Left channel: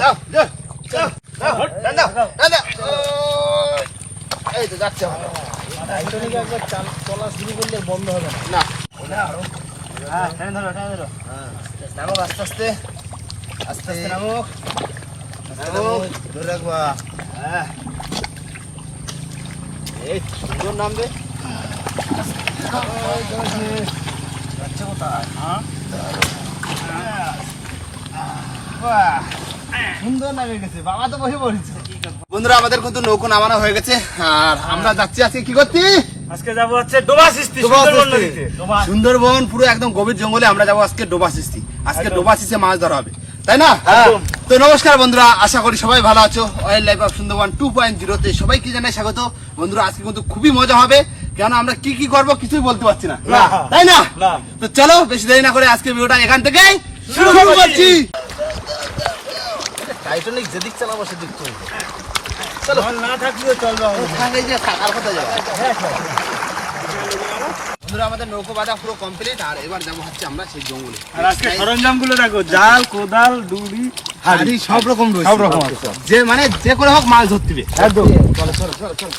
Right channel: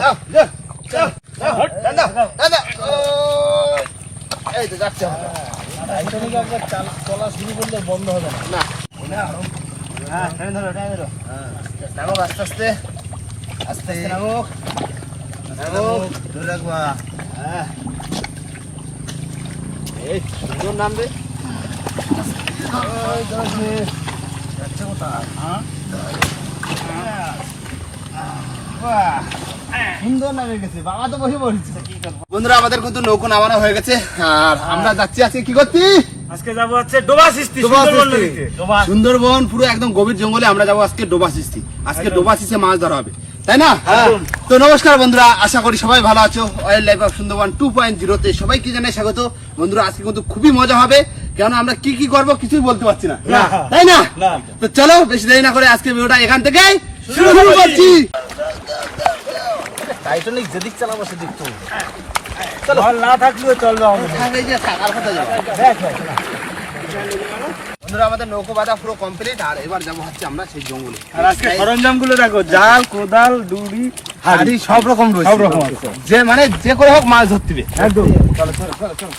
যাও যাও যাও টান দাও টান দাও এই তো যাচ্ছে টাইটানিক একবার চলা শুরু করলে বন্ধ হবে না। না হ্যাঁ টান ধরো হ্যাঁ নামো আস্তে আস্তে আস্তে আস্তে নামো ধরে রাখবা। হ্যাঁ এই সুন্দর নামবে যাচ্ছে কোথায়? হ্যাঁ সুন্দর নামে গেছে, বাবা তো বসে পড়েছে। বন্ধুরা আমাদের কিন্তু নৌকো নামানো হয়ে গেছে আর আমরা যাচ্ছি আজকে কি করছি? আজকে যাবো হচ্ছে ডোবা সিস্তি, সুন্দরবন পুরো একদম গভীর জঙ্গলে আমরা যাবো আজকে ডোবা সিস্তি। আজকে ডোবা সিস্তে মাছ ধরা হবে, তাই না? তো নমস্কার বন্ধুরা, আশা করি সবাই ভালো আছো। ওয়াইল্ড লাইফ অফ সুন্দরবন 2.0 তে সবাইকে জানাই স্বাগত। বন্ধুরা আজকে কিন্তু খুবই মজা হবে, কেন আমরা কি কি করবো কিছুই বলতে পারছি না, তাই না? তো চলো বেশি দেরি না করে আজকে ভিডিওটা এখান থেকে শুরু করছি। টাইটানিক যেদিক চালাবো সেদিক চলবে, চলো না থাকলেও চলবে। বন্ধুরা আমাদের নৌকো বাঁধা পুরো কমপ্লিট আর এবার যাবো হচ্ছে আমরা সেই জঙ্গলে। আর আজকে সরঞ্জাম গুলো দেখো, জাল, কোদাল, ডুড়ি, হাড়ি সব রকম রয়েছে, সব রকম আছে। যে মানে যে করে হোক মাছ ধরতে হবে একদম। চলো চলো চলো চলো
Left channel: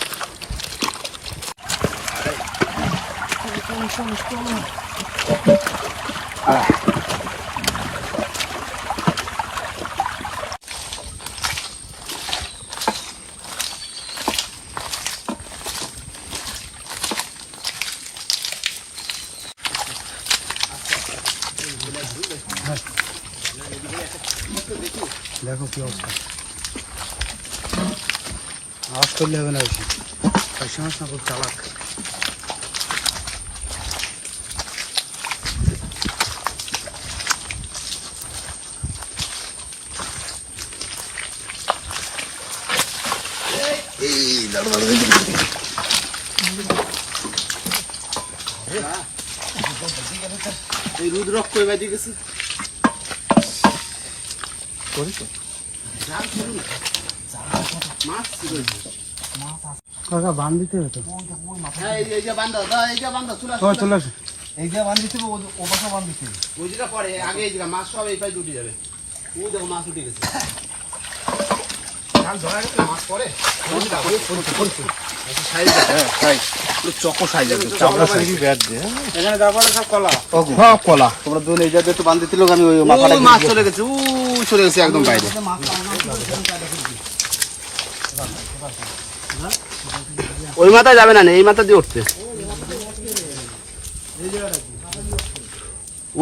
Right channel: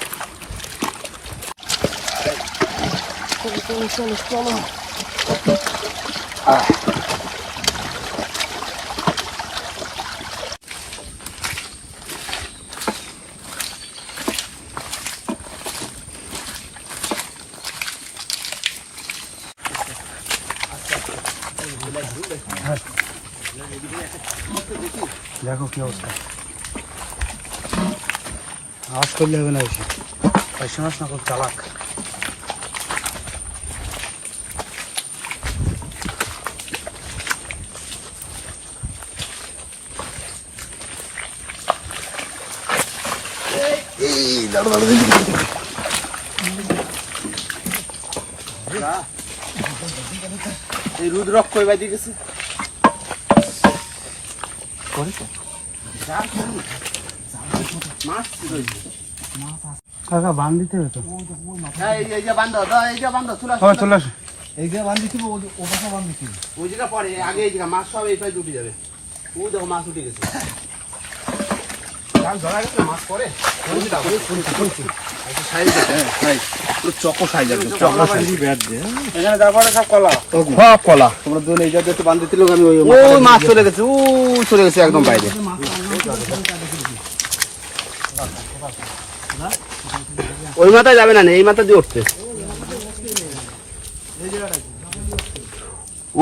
দেখো কি অবস্থা, অস্ট্রেলিয়া চালাক। এই রুদ্রক্ষ কই বাইতে গেছে মাছ বান দিতে হতো, এই যে বান্ধব এই যে বান্ধব চলে চলে আসো। এই যে বান দিতে ও পাশা বান দিতে ওই জায়গা পরে আগে এই জায়গা মাছ সব এই পাশে উঠে যাবে। ও দেখো মাছ উঠে গেছে, জাল ধরা গেছে মাছ পরে চকো সাইজ একদম চকো সাইজ। সব কলা তোমরা দুজন এই জায়গায় একটু বান্ধ দিতে লোক আমি ওই মাছ চলে গেছে, ও চলে গেছে একদম বাইরে। ওই মাথায় যাবে না, এই মাথা দিয়ে উঠতে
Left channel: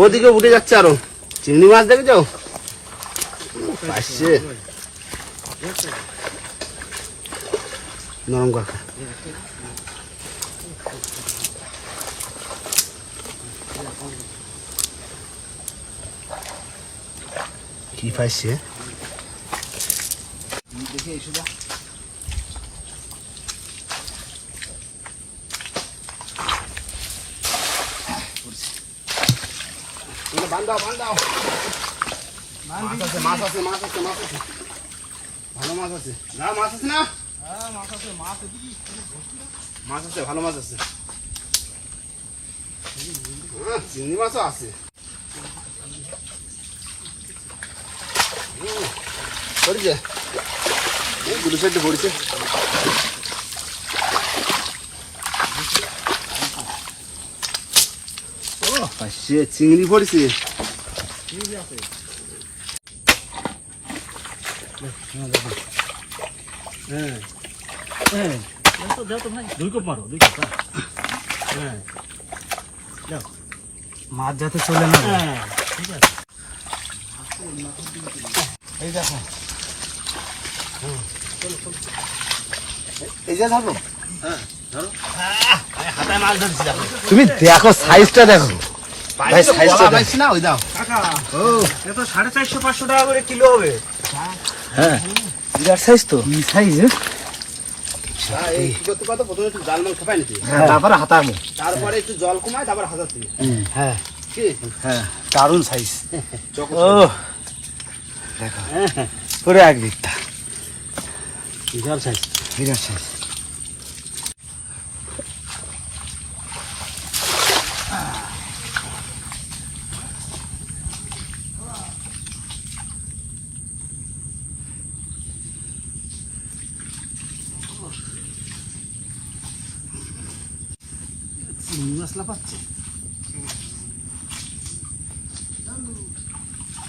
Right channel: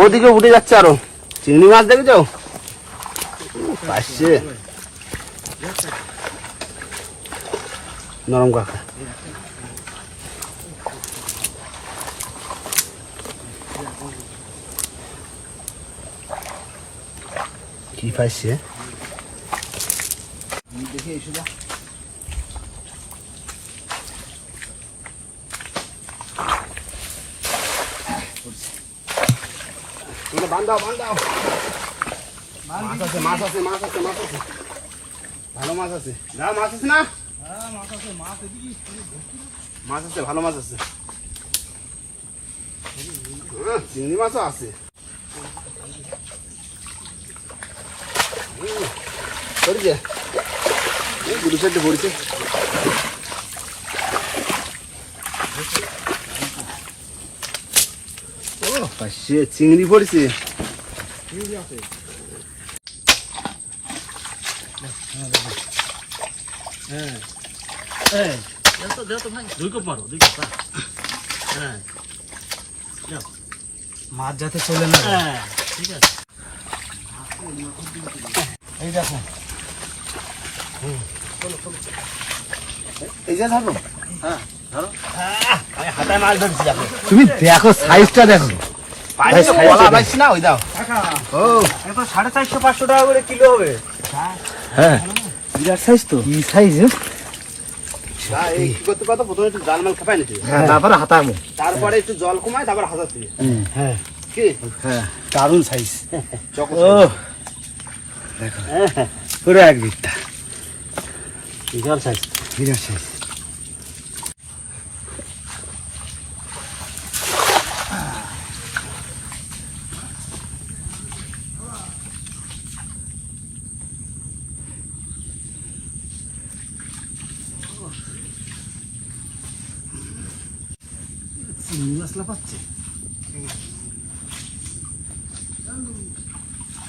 ওদিকে উঠে যাচ্ছে আরো। চিংড়ি মাছ দেখে যাও পাশে নরম কাকা। কি পাইছে দেখে এসো যা। বান্ধাও বান্ধাও, মাছ আছে মাছ আছে মাছ আছে মাছ আছে, ভালো মাছ আছে। না মাছ আছে না, মাছ আছে ভালো মাছ আছে, চিংড়ি মাছও আছে। পড়েছে দুটো সাইডে পড়েছে। ও পাশে চিংড়ি পড়েছে। মাছ যাতে চলে না, ঠিক আছে। এই দেখো এই যে ধরো, হাতায় মাছ ধরছি। তুমি দেখো সাইজটা দেখো ভাই, সাইজটা দেখো না। ওই দাও ও এটা 450-500 টাকা করে কিলো হবে। হ্যাঁ বিরাট সাইজ তো। কি সাইজ? এই কি করতে পারো, প্রথমে একটু জাল মাল খাপাই নাকি, হ্যাঁ তারপরে হাতামো, তারপরে একটু জল কমায় তারপর হাজার থেকে। হ্যাঁ কি হ্যাঁ দারুণ সাইজ। ও পুরো এক বিটটা বিশাল সাইজ, বিরাট সাইজ। মশলা পাচ্ছে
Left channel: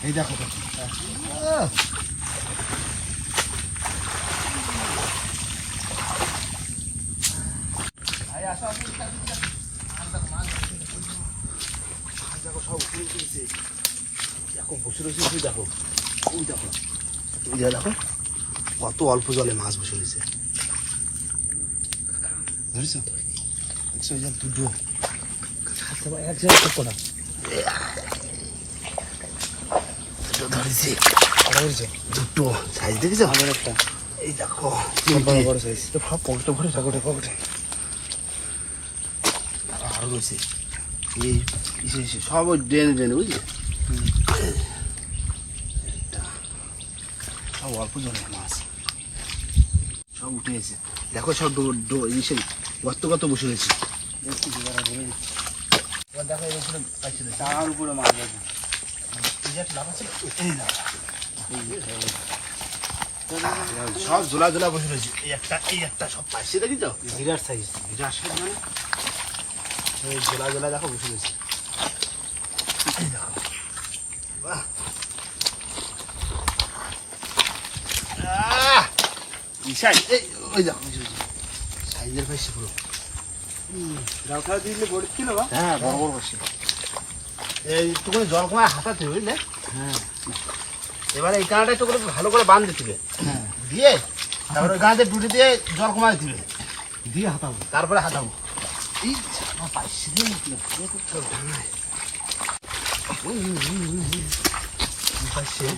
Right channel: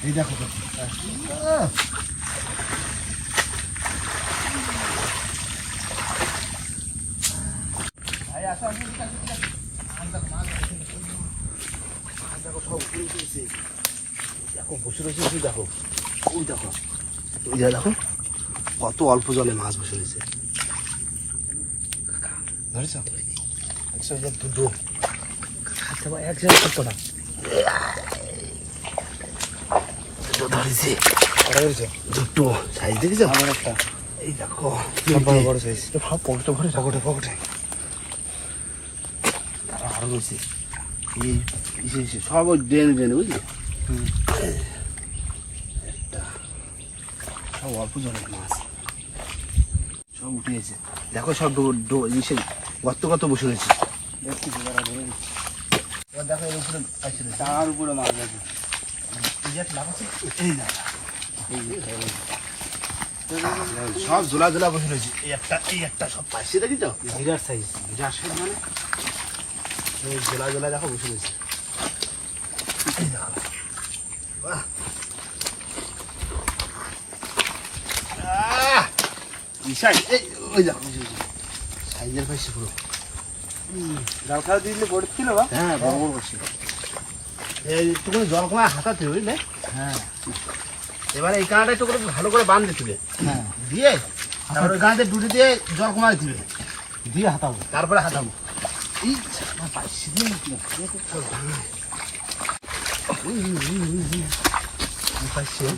এই দেখো দেখো সব উপরে উঠেছে দেখো বসে রয়েছে তুই দেখো ওই দেখো ওই দেখো কত অল্প জলে মাছ বসে রয়েছে ধরেছ একশো দুটো এক জায়গায় করতো না ধরেছে দুটো সাইজ দেখেছ এই দেখো বড় সাইজ তো সব পকেটে ভরে ঠাকুরে পকেটে আরো রয়েছে এই সব ওই ড্রেনে ড্রেনে বুঝলি একটা সব অল্প জলের মাছ সব উঠে গেছে দেখো সব ইসে গর্ত গর্ত বসে রয়েছে দেখো এর উপরে পাইছিল তার উপরে মাছ রয়েছে সব ঝোলা ঝোলা বসে রয়েছে এই একটা সব পাইছে দেখি তো বিরাট সাইজ মানে ওই ঝোলা ঝোলা দেখো বসে রয়েছে এই দেখো বাহ ওই দেখো সাইজের পাইছে পুরো ডাল খাওয়া দিলে বড় ছিল বা হ্যাঁ বড় বড় করছে এই টুকু জল কমা হাতাতে বুঝলে হ্যাঁ এবারে এই কাঁটা একটু করে ভালো করে বাঁধ দিতে হ্যাঁ দিয়ে তারপরে ওই গাঁতে ডুটি দিয়ে জল কমা দিতে দিয়ে হাতাবো তারপরে হাতাবো এই পাইছি দিয়ে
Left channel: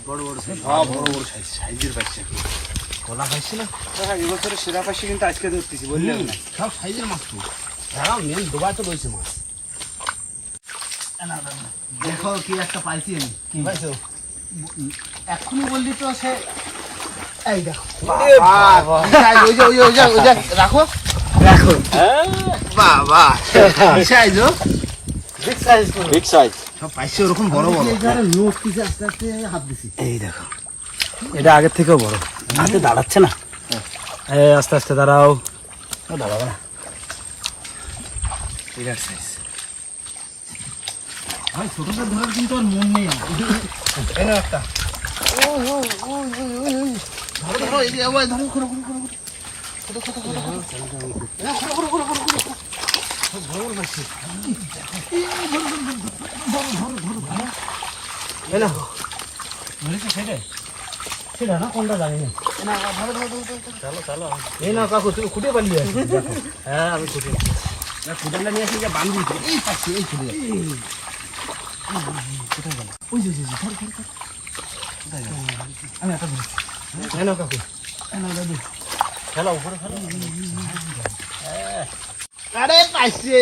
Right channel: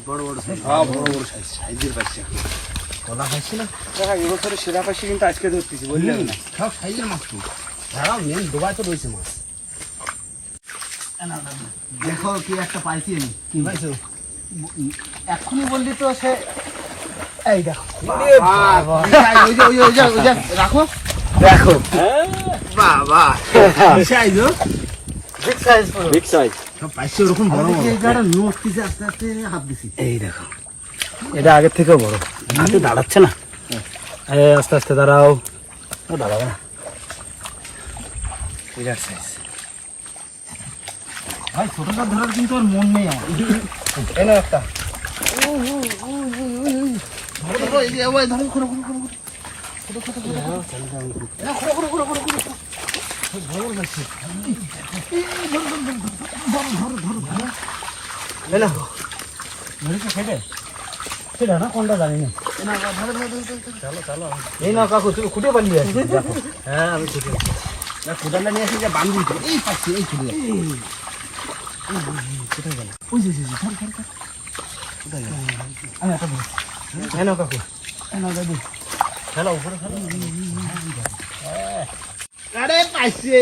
বড় বড় সাইজ বড় বড় সাইজ সাইজের পাইছে কলা পাইছি না দেখা এবছরে সেরা পাইছি কিন্তু আজকে ধরতেছি বললেন না সব সাইজের মাছ তো হ্যাঁ মেন ডোবায় তো রয়েছে মাছ দেখো কি একটা পাইছি আমি কি পাইছো এখনই বললি তো সে এই দেখো রাখো দেখো বাবা কি size big size big size সব পাইছি ওরকম বড় বড় এইটা নোট পিছে আস্তে আস্তে হাত দিছি এই দেখো এটা আগের থেকেও বড় হাতে দাঁড়াচ্ছে না আস্তে আস্তে দাঁড়াও দাঁড়াবে না বিরাট সাইজ ভাই ছোটটা ধরার কিন্তু আর মন নেই আমার এনে একটা ধরো এই যে ওই ধরো করো করো করো ছোট ছোট করো বড় পাইছি ধরো ধরেছো সেটা সেটা না কোনটা জানি না চলো চলো এই না কাকু তুমি খুঁটে পালিয়ে হ্যাঁ আমি খুঁটে খুঁটানটা নিয়ে আসি যে বান্ধি এই পাচ্ছি এই ছুটে কোথায় গেল ওই যে ধর ধর ধর কোথায় গেল আমি একটা ধর হ্যাঁ না কাকু না দাদু খেলা উপরে খেলা আরে পাইছে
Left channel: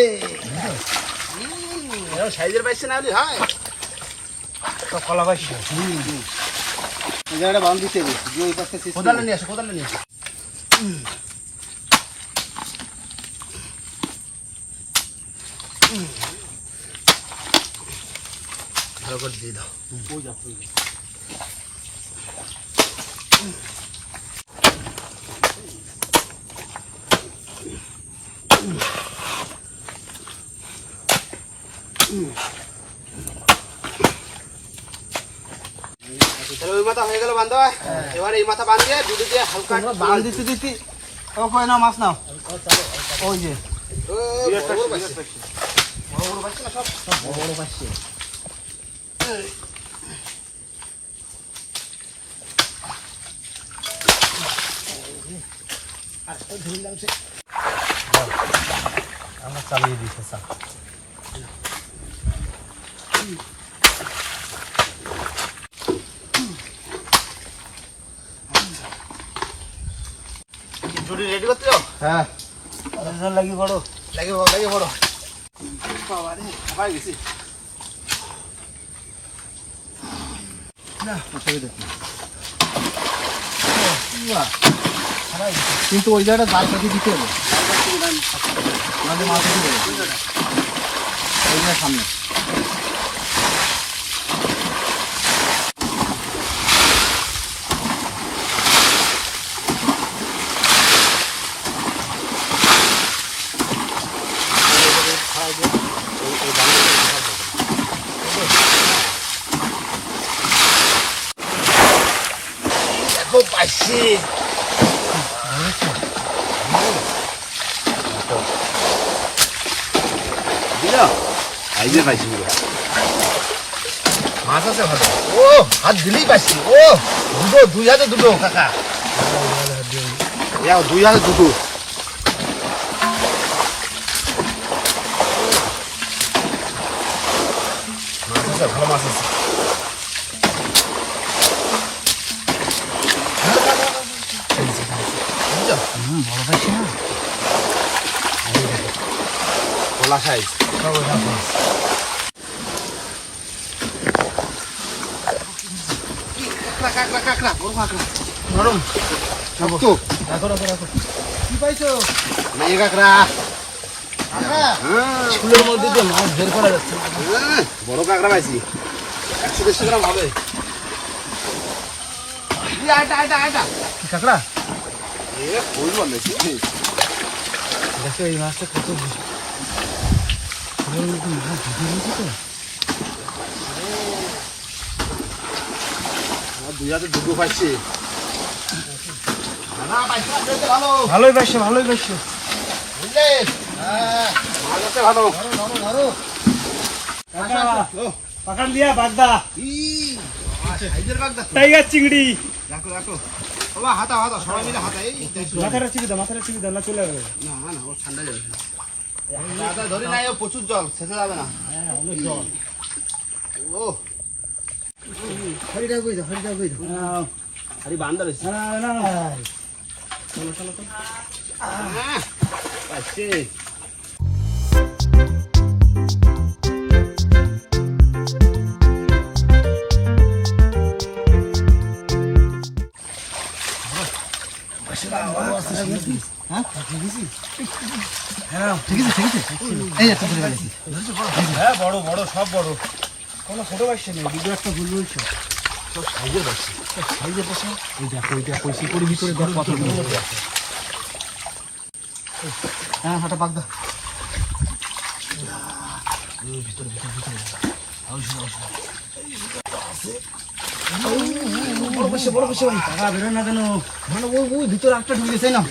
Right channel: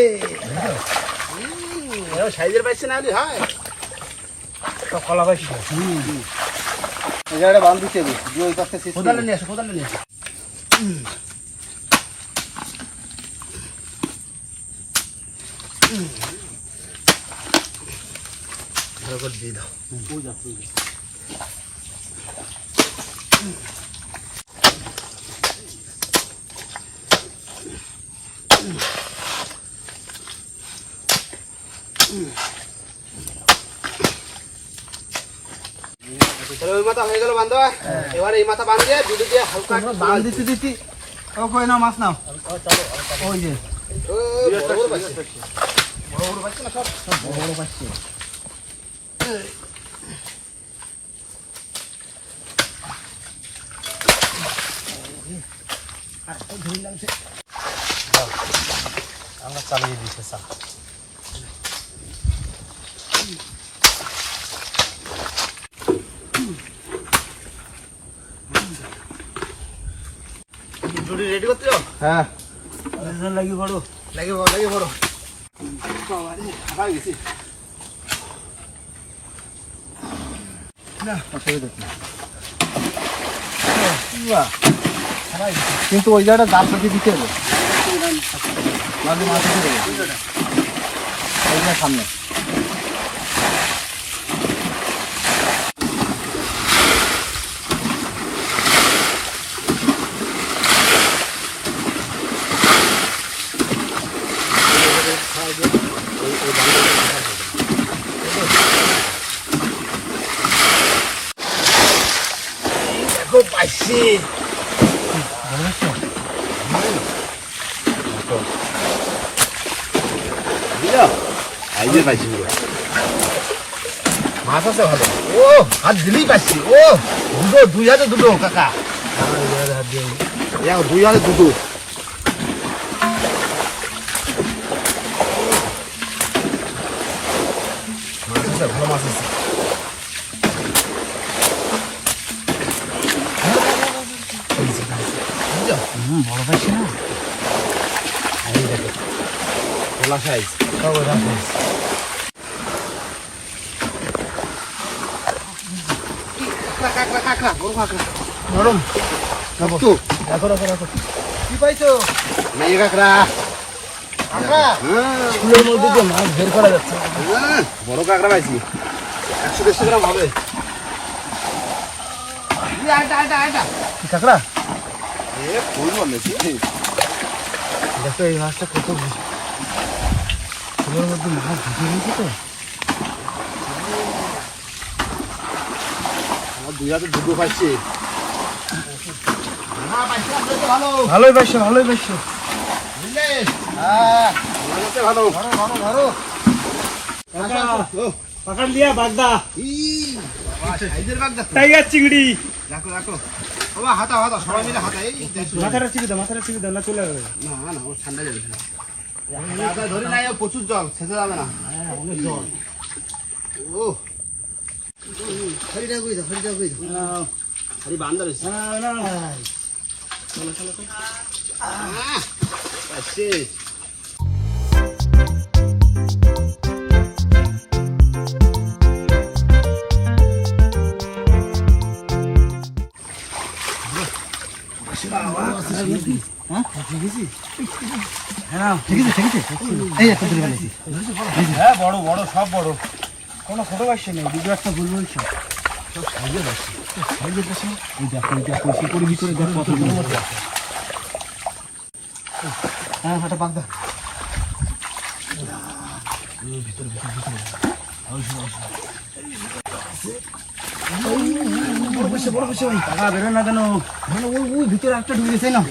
সাইজের পাইছে না হলে হয় সব কলা পাইছে এই জায়গাটা বান্ধ দিতে হবে দিয়ে ওই পাশে কোদালে নিয়ে আসো ভালো করে দিয়ে দাও ওই মাথা হয়ে গেল বান্ধব এবার এই মাথা বাঁধিয়ে দুটো দিয়ে হালকা বাঁধ দিতে দিতে ওই না মাছ নাও ওই যে বড় বড় পাচ্ছে না সব বড় বড় পাচ্ছে আমরা চালিয়ে দিয়েছে স্যার রেডি করতে হ্যাঁ লাগি বড় গেছি না কিন্তু ওই জায়গাটা জাল পেতে দিতে হবে মাছ দিতে হবে সামনে দেখো পাইছি। পাইছি পুরো মাছ আছে ভালো। ও হাত দিলেই পাইছি। ও দুটো, 2 হাতে দুটো কাকা। ইয়াও 2 হাতে দুটো। মাছ আছে, ভালো মাছ আছে। বড় পাইছে না? এই দেখো খোলা সাইজ। কাঁকড়া কাঁকড়া বড় কাঁকড়া নরম। রাখো। কি পাইছো? মেয়ে কাঁকড়া। স্কুলের মধ্যে দিয়ে মাছ বের করা যাচ্ছে। বড় কাঁকড়া পাইছি, 100-150 গ্রাম হবে। কি কাঁকড়া? খুবই ভালো লাগছে। দেখো এই মাছটা কত স্কুলের মধ্যে মাছ ঢুকে রয়েছে তো। 2 হাতে দুটো পাইছি। ভালোই পাইছে। বুঝলে? হ্যাঁ ভালো। পাকান দিয়া বাগদা সাইজের বাগদা তো। টাইগার চিংড়ি রাখো বাবা, হাতা সবাই মিলে হাতা। এই দেখো। মাথাটা চিপে দাও না চলে যাবে। না ও ঠান্ডা যাবে না। ধরে নাই, ও প্রচুর জল, সেটা যাবে না। হ্যাঁ অনেক জল। ও হরিটা কই দাও। হরি বান্দর হইছে। না চলো। আচ্ছা হ্যাঁ বড় সব বড়, কোনো ছোট পাইছে নেই। দুটো একটা ভুল বলছো। হ্যাঁ হাঁটা বাগদা। বড় পাইছে টাকা বেরোয় না কেন? মানে ওই ভিতরে একটা ঢুকে গেছে না।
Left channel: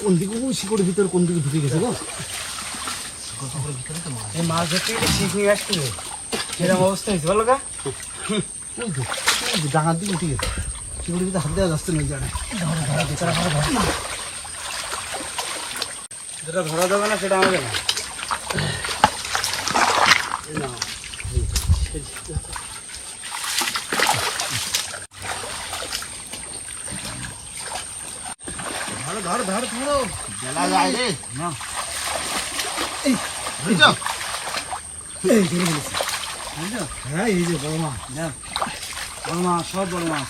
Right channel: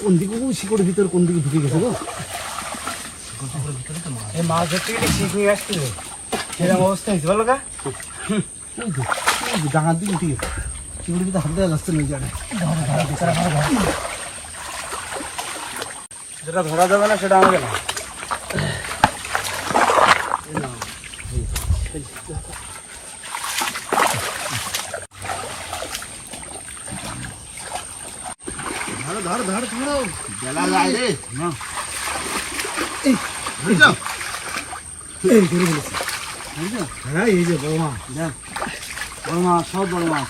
কোন দিকে শিকড়ের ভিতরে কোন দিকে ঢুকে গেছে গো? এই মাছ ধরতে গেলে ঠিক হয়ে আসছে, কিরকম অবস্থা হয়েছে বলো গা? ডাঙার দিকে উঠে গেছে। শিকড়ের ভিতরে হাত দেওয়া যাচ্ছে না। যেটা ধরা যাবে না সেটা আমাকে না। ধরো বেলা যায় রে। না বুঝলো? এই ধরে ফেলেছি। হ্যাঁ এই যে বড় মাছ, সব বড় মাছ।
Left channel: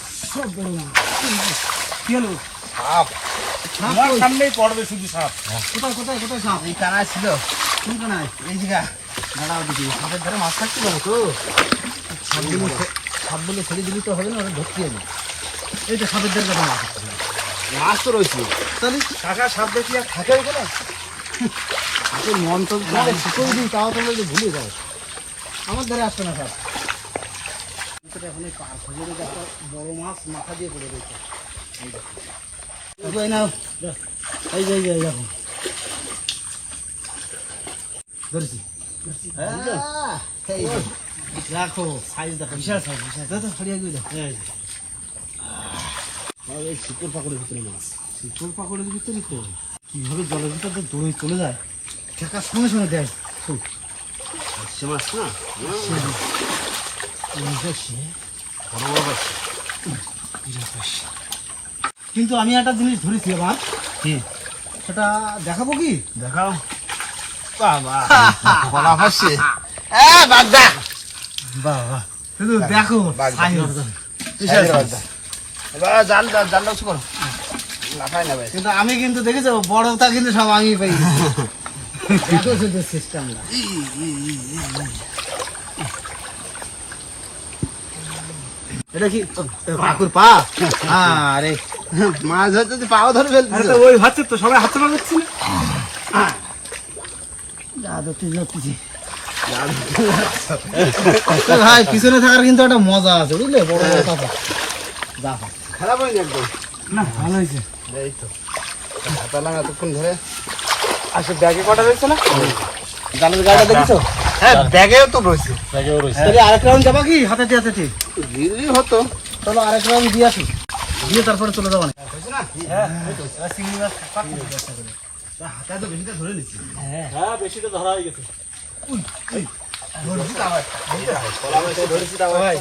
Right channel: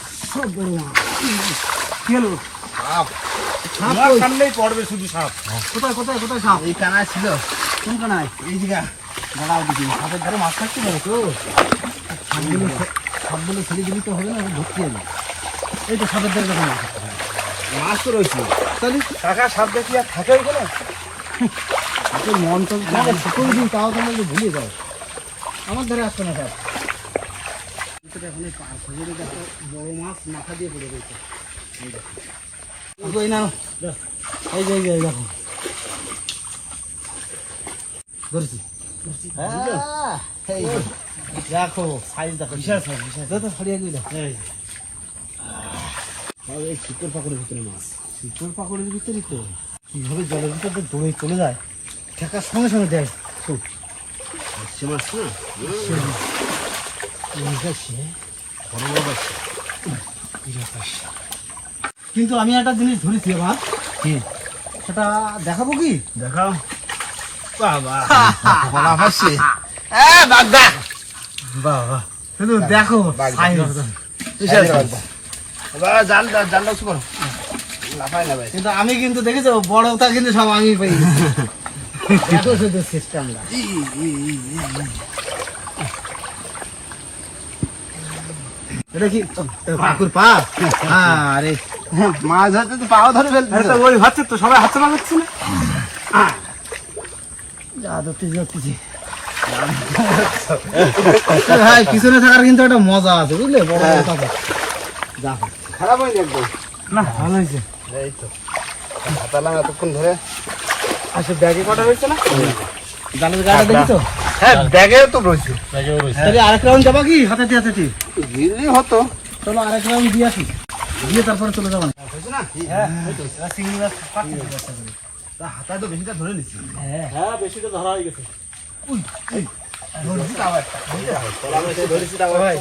কি হলো? সাপ আমার সামনেই পড়বে শুধু সাপ। কোথায় সাপ? এই কানায় ছিল। কোন কানায়? এই দিকে দাঁড়াও দিকে। সাপের ধারে মাছ থাকতে পারে তো। সাপগুলো ছেড়ে দিবি তো হবে না, ভর্তি হবে। এই তো সাপের ধারে কথা মাছ তো রয়েছে। তাহলে কাকা সাপ দেখি আর থাকে ওইখানে? মন তো শুকোই দিন, তাও তোমরা তো ভুলে যাও। আমার ধারে আসবে না সাপ। এখন একটা বড় মাছ মাথা দিয়ে পড়ে রয়েছে। এই নাও, এই যে দেখো ধরেছি। দেখো সাইজ দেখো, বিশাল সাইজ। তো হারিয়ে গিয়ে দেখো। এই শিকড় পাকড়ের ভিতরে মাছ। শিকড় পাকড়ের ভিতরে তো কিভাবে জলের ভিতরে দৌড়ে চলে যায়, ঠেকার সঙ্গে দেয়। সে মাছ না কিন্তু আমি একটা জিনিস ধরেছি এবার। কি সেটা দেখাবো? কি দেখাও। বাবা বলা হচ্ছে বাগদা। বাবা শুধু দেখো জানলা করো। কিন্তু আমি কিন্তু দেখেছো বড়টা কিন্তু সব আমি পাই। দেখো শুধু সিস্টেমটা। এটা কি কাকুর পা? আরে মাছ ধরতে পাও ধরে ফেলতে। ওই হচ্ছে তো, সবাই হাতে পা করছি। যা ধরতেছি ভাই পিছনে থাকার কিন্তু একটা মজা আছে বুঝলে, বড় বড় কাপড় যা খারাপ হয়নি একদম। না ভালো হয়েছে। এই তো তাহলে এতক্ষণ ধরে আচ্ছা ব্যাগে কটা রয়েছে না? জালের গাড়া দেখেছো? হ্যাঁ ব্যাগেও তো রয়েছে। তাহলে আরেক রাউন্ড যাবা কি হাতে হাতে? গিরি হতো। চলো আরেক রাউন্ড দিয়ে আসি, দিয়ে তারপরে চলে যাবো না। হয়েছে না? এবার চিংড়ি মাছ কাটতে হবে চেষ্টা করি। তা হাতায় তো বেশিটা ধরে নিচ্ছি। হ্যাঁ বেশিটা ধরা হয়ে গেছে। ধরেছি তাও একটা। ধরেছি তাও ভাই।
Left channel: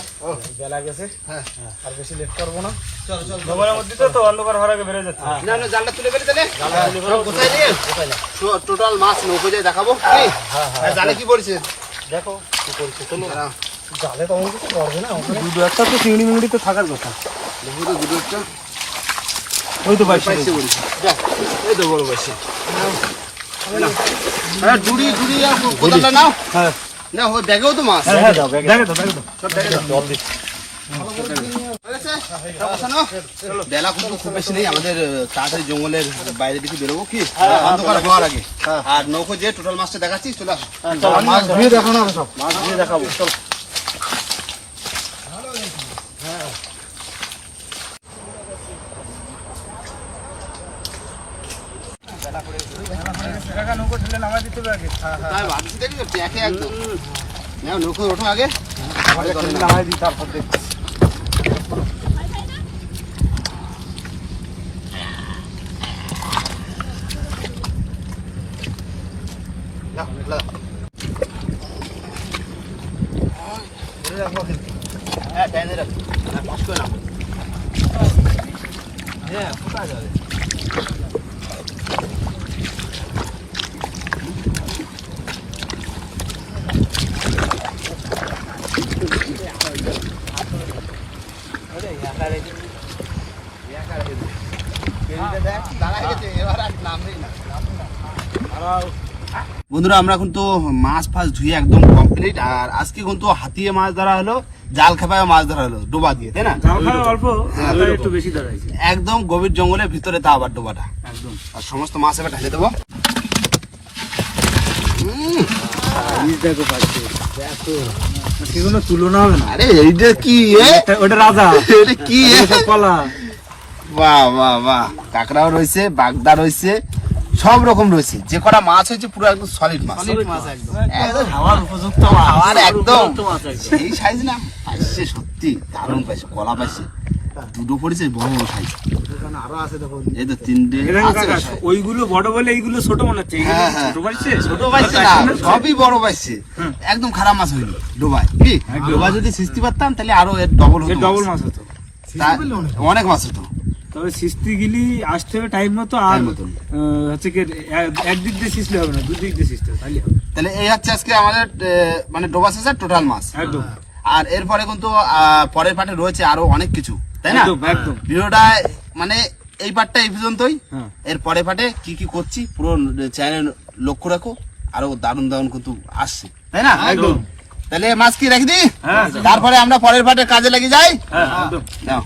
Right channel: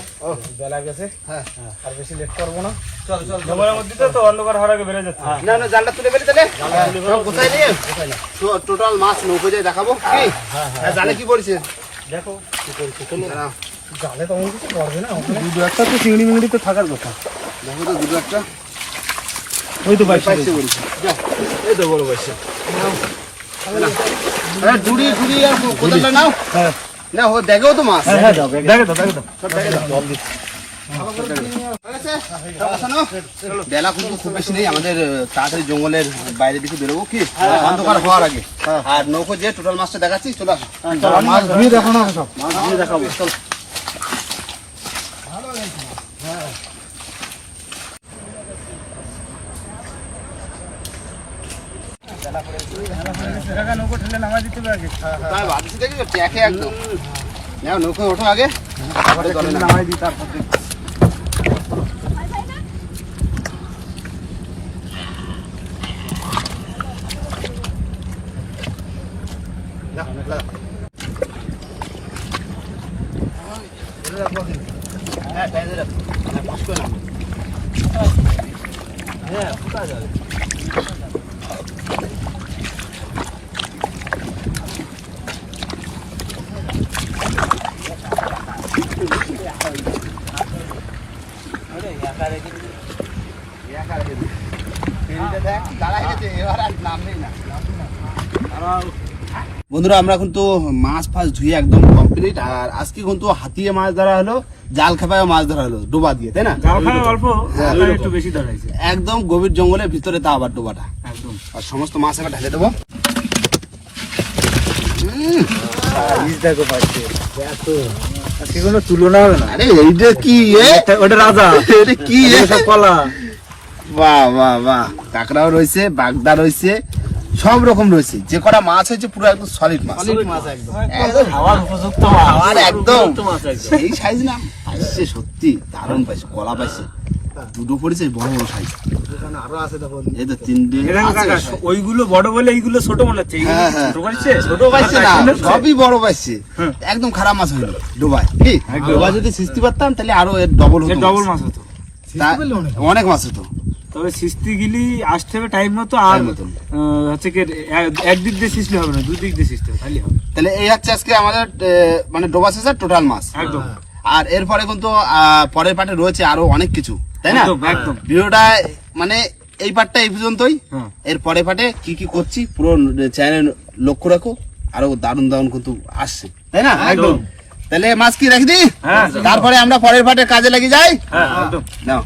বেলা গেছে। হ্যাঁ। আর বেশি লেট করবো না। চলো চলো। জঙ্গলের মধ্যে তো অন্ধকার হওয়ার আগে বেরোয় যাচ্ছে। না না জালটা তুলে ফেলি তাহলে। সব গোছাই নিয়ে টোটাল মাছ নৌকো যায় দেখাবো কি? হ্যাঁ জালে কি পড়ছে দেখো কি করছে। চলো। দাঁড়াও। জালে তেমন কিছু পড়বে না। দুটো একটা তো চিংড়ি মিংড়ি তো থাকার কথা। দেখো তো দুটো একটা ওই তো পাইছে বলছি। দেখ, এই তো বড় পাইছে। নাও। হ্যাঁ ডুড়ি ডুড়ি আর কোদালটা নাও। হ্যাঁ না ও দেখেও তো মাছ। হ্যাঁ দাও ব্যাগে দাও ব্যাগে দাও। সব দেখে দাও। হয়ে গেছে? সব গোছানো? বেলা কিন্তু খুব বেশি নেই, আমাদের তাড়াতাড়ি জঙ্গলের বাইরে দিকে বেরোবো কি অন্ধকার হওয়ার আগে। আর নৌকো যে টোটাল মাছটা দেখাচ্ছি, চলে আসো। মাছ ধুয়ে দেখানো হবে সব। মাছ দিয়ে দেখাবো চলো। নৌকো ঠেলে নামাই দিতে হবে আগে। তাই ভাবছি দেখি তো ট্যাকে একদম। নাও নৌকো ওঠো আগে, তারপরে জলে নামো। নামাই দিই তারপর দেখ। হ্যাঁ টাইমে রাখো, কষ্ট করে নামো। হ্যাঁ কোথায় যাবে? বন্ধুরা আমরা কিন্তু মাছ ফাছ ধুয়ে একদম কমপ্লিট, আর আজকে কিন্তু হাতিয়ে মাছ ধরা হলো, জাল খেপায় মাছ ধরা হলো ডোবা দিয়ে, তাই না? অল্প একটু বেশি ধরাইছে। একদম গভীর জঙ্গলের ভিতরে তা আবার ডোবাটা, একদম আর সমস্ত মাছ এবার ঢালে দেবো। দেখো পাচ্ছে দেখো সেগুলো তুলনা হবে না। আরে এইটা কি ওটা রাজা, এটা কি সব কলা। বাহ বাহ বাহ, কাঁকড়াও রয়েছে, বাগদা রয়েছে, সব রকম রয়েছে। যে কটা মাছ হয়েছে পুরো একদম সলিড মাছ, মাছ একদম একদম খাওয়ার উপযুক্ত খাওয়ার একদম। মাছ একদম। এই সাইজ না পাইছে, সত্যি দারুণ পাইছে, কলা পাইছে দুটো পড়েছে, বড় বড় সাইজ। আরো আছে দেখো। এই তো তিনটে আছে। ওইগুলো বড় বলে এইগুলো ছোট মনে হচ্ছে। হ্যাঁ, হ্যাঁ। ছোট পাইছে, ছোট পাইছে না, সবই বড় পাইছে। একদম খারাপ মাছ হইলো ডোবায় কি। ডোবায় যদি সিস্তি পারতাম তাহলে আরো এর ডবল হতো, ডবল মাছ হতো। অনেক মাছ হতো। তবে সিস্তি গিলি আসতে হবে টাইম মতো, আর Time মতো। হচ্ছে কি একদিক দিয়ে সিস্তি হবে না, দুদিক দিয়ে সিস্তি হবে, খালি হবে তাহলে এই হচ্ছে আজকে আমাদের মানে ডোবা শেষের টোটাল মাছ। একদম। আর এরপরে কিন্তু পরের পার্টে রয়েছে আরো অনেক কিছু, তাই না? একদম, একদম। ভিডিওটা মানে এই পার্টটা এই পর্যন্তই। হ্যাঁ। এর পরের পার্টে কি কি করছি পুরো চ্যানেল লক্ষ্য রাখো, আরো দারুণ দারুণ কিন্তু আসছে, তাই না? একদম। তাহলে মাছ কি রেখে দিই, হ্যাঁ। তারপরে আমরা পরের পার্টে কাজে লেগে যাই। হ্যাঁ একদম। নাও।